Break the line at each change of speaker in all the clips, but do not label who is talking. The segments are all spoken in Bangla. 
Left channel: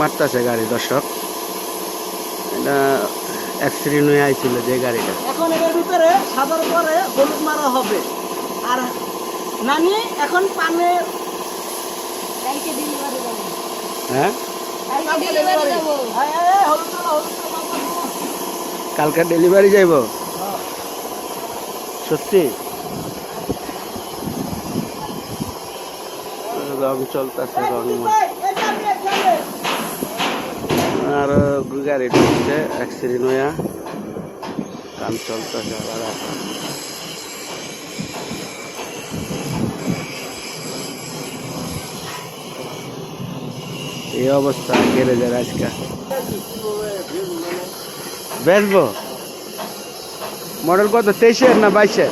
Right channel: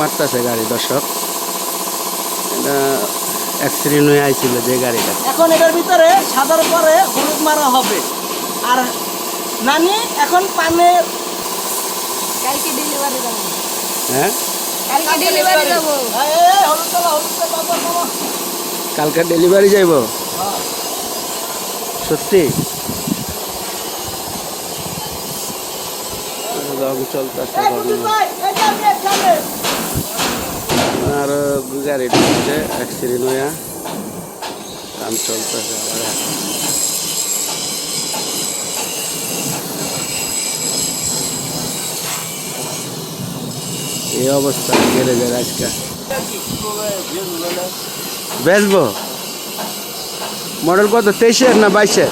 মারতেছে গাড়ি দর্শক। এটা অ্যাক্সিডেন্ট হয়ে আইছিল যে গাড়িটা।
এখন এটার ভিতরে সাদার পরে হলুদ মারা হবে। আর নানি এখন পানের
কালকে ডেলিভারি দেবো।
হ্যাঁ?
কালকে ডেলিভারি দেবো।
এই, এই,
গাড়িটা হচ্ছে অ্যাক্সিডেন্ট হয়ে কাম চলতেছে এই অবস্থা গ্যারেজের আজকে বেচবো? মডেল কত? তেইশের না বাইশের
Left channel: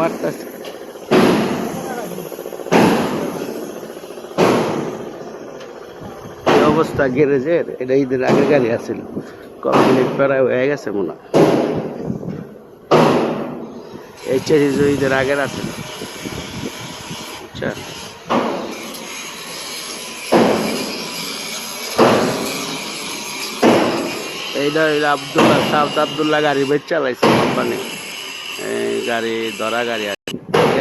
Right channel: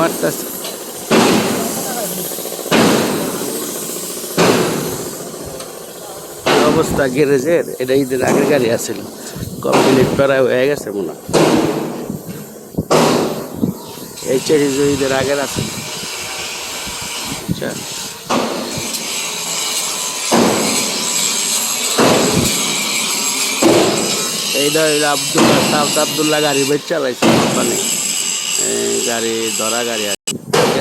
মারতেছে। অবস্থা গ্যারেজের, এটা ঈদের আগের গাড়ি আছে কমপ্লিট করা হয়ে গেছে মনে। এই চেরিজ ঈদের আগের আছে এইটা আব্দুল্লাহ সাউথ আব্দুল্লাহ গাড়ি বেচা পাইছে কোম্পানি এই গাড়ি, ধরা গাড়ি আছে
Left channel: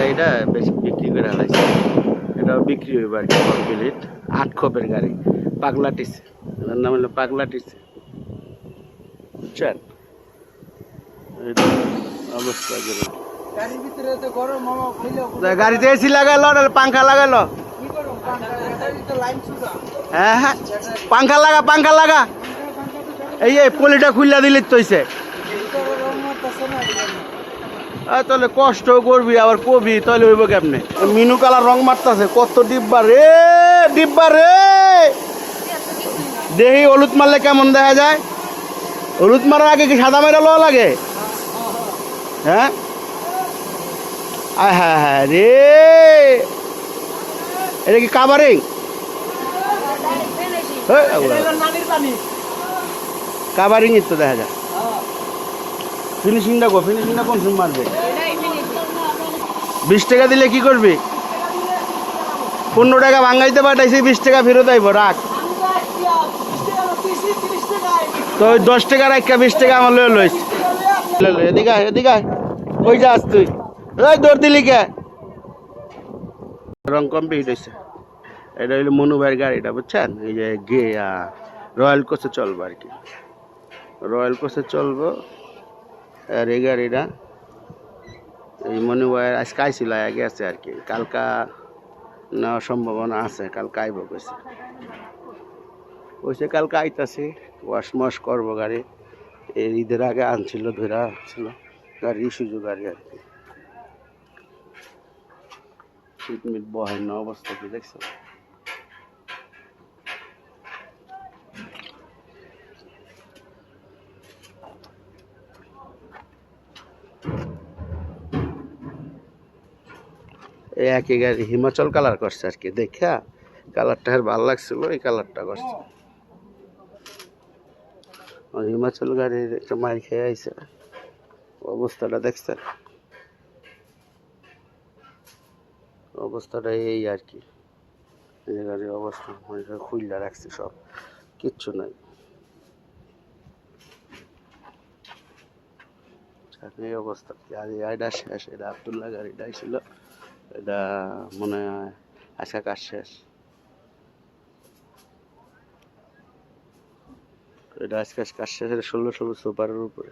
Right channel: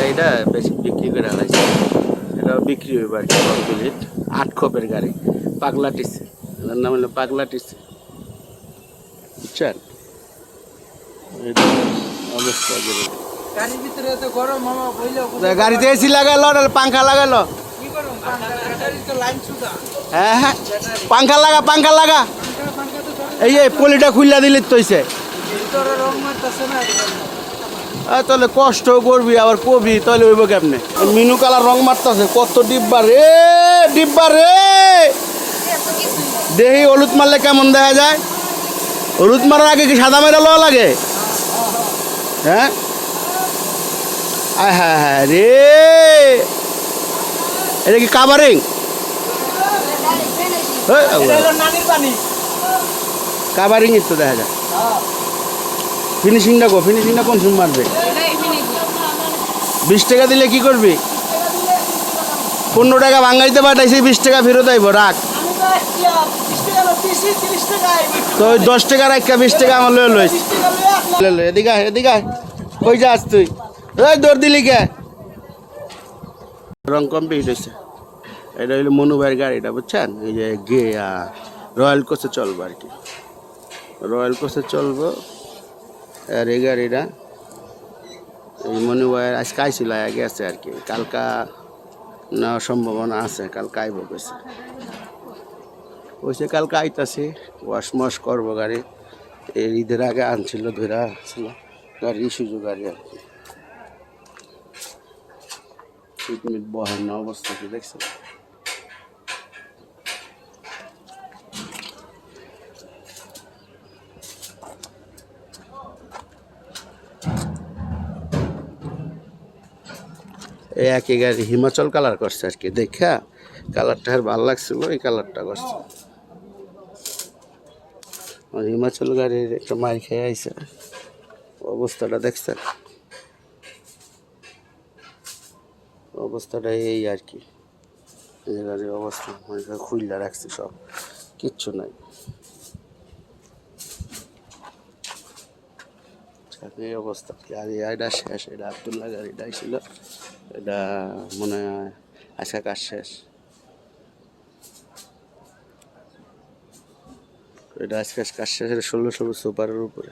এইটা বেশি বিক্রি করে আনাইছে। এটা বিক্রি হইব আর কি কমপ্লিট। আট খপের গাড়ি। পাগলা টিসি। এটার নাম হলো পাগলা টিসি। বুঝছেন? গাড়িতে এসি লাগাইলো পাঙ্খা লাগাইলো?
কি গরম? গাড়ির তো লাইন সুদা
হ্যাঁ হ্যাঁ। পাঙ্খা লাগা পাঙ্খা লাগা। এই এই পলিটা খুললা দিলে তৈছে
ভিতরে রং মারতেছে না
আর তাহলে কষ্ট করবি আবার কবি তাহলে হইব কেমনে? মিনু কালার রং মারতেছে কত ডিব্বা রে! ডিব্বা রে। দেহি হলুদ মারলে কেমন দেখা যায়? হলুদ মারার আগে কি সাদা মেরা লওয়া লাগে? হ্যাঁ? হ্যাঁ হ্যাঁ রে। এটা কি
এটা হলো নানির
তো দেখা যায়। ফিনিশিংটা কো ফিনিশিংটা কোন মারবে? বিশ টাকা দিলে কি করবি? পনেরো টাকা ভাঙাইতে পাঠাইছি, বিশ টাকা ফেরত আইব, রাখ।
তো
ওই দশ টাকা রাখা বিশ টাকা আমার লয়ে লইস। এদিকে যাস তুই? দিলি রং হয়েছে। এটা গাড়িটা এই যে রয়্যাল চলবো আর কি। রয়্যাল চলবো। আর এই গাড়িটা এই আর কি। কালকা নেওয়ার সম্ভাবনা আছে, কালকে আইব গেছে ওইসে কালকে আইতাছে, ওয়াশ মশ করব গাড়ি। এর ঈদের আগে আনছিল ধরা ছিল গাড়ি সুযোগ গাড়ি আর কি। বহেন না অবস্থা একই গাড়ি হিমাচল কালার করছে আর কি দেখা কালারটা আর ভালো লাগছিল এই কালারটা করছে। হিমাচল গাড়ির একটা মার খেয়ে আইছে। অবস্থাটা দেখছেন? অবস্থাটা এই আর কি এই গাড়ির অবস্থা খুললা রাখছে সব। কিচ্ছু নাই। যাক, এই অবস্থা। আর এটা শেষ এটা আবদুল্লাহ গাড়িটা ছিল। এটা মনে হয় আজকে কাজ শেষ। এটা আজকে কাজ শেষ এটা ষোলো ষোলো সুপারের উপরে।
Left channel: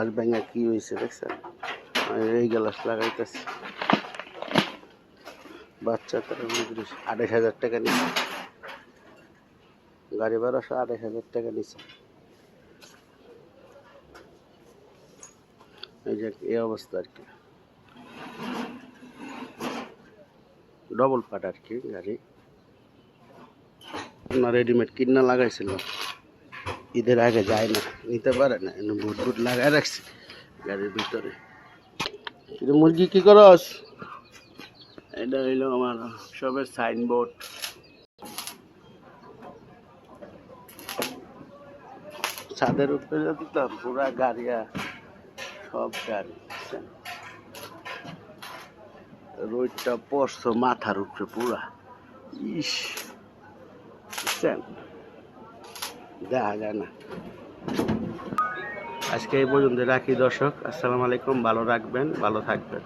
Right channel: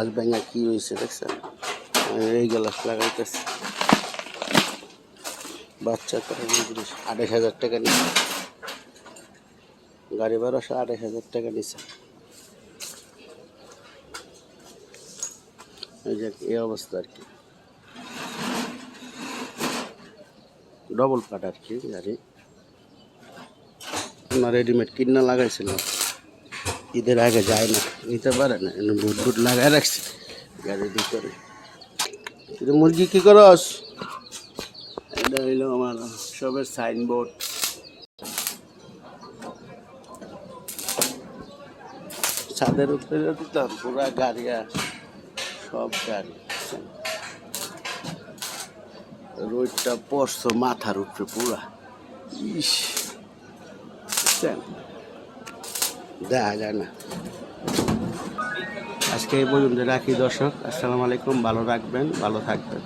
আজ ব্যাঙ্গা কি হয়েছে দেখছেন? এই গ্লাস লাগাইতেছে। বাচ্চা তার আড়াইশ হাজার টাকা নিচ্ছে গাড়ি ভাড়া আড়াইশ হাজার টাকা নিচ্ছে এই এই অবস্থা আর কি। ডবল ফাট আর কি গাড়ি। আপনার রেডিমেড কিনা লাগাইছিল ঈদের আগে যায় না, নিতে পারে না বুট বুট লাগাই রাখছি গাড়ির ভিতরে। কিন্তু মুরগি কি করস এটা হইল আমার সবের সাইনবোর্ড ছাদের উপরে দিতাম পুরা গাড়ি আর সব গাড়ি রোদটা পড়ছে, মাথার উপরে পুরা। ইস, দেখা যায় না। আজকে এই পর্যন্ত রাখি দর্শক, আসসালামু আলাইকুম, ভালো রাখবেন ভালো থাকবেন।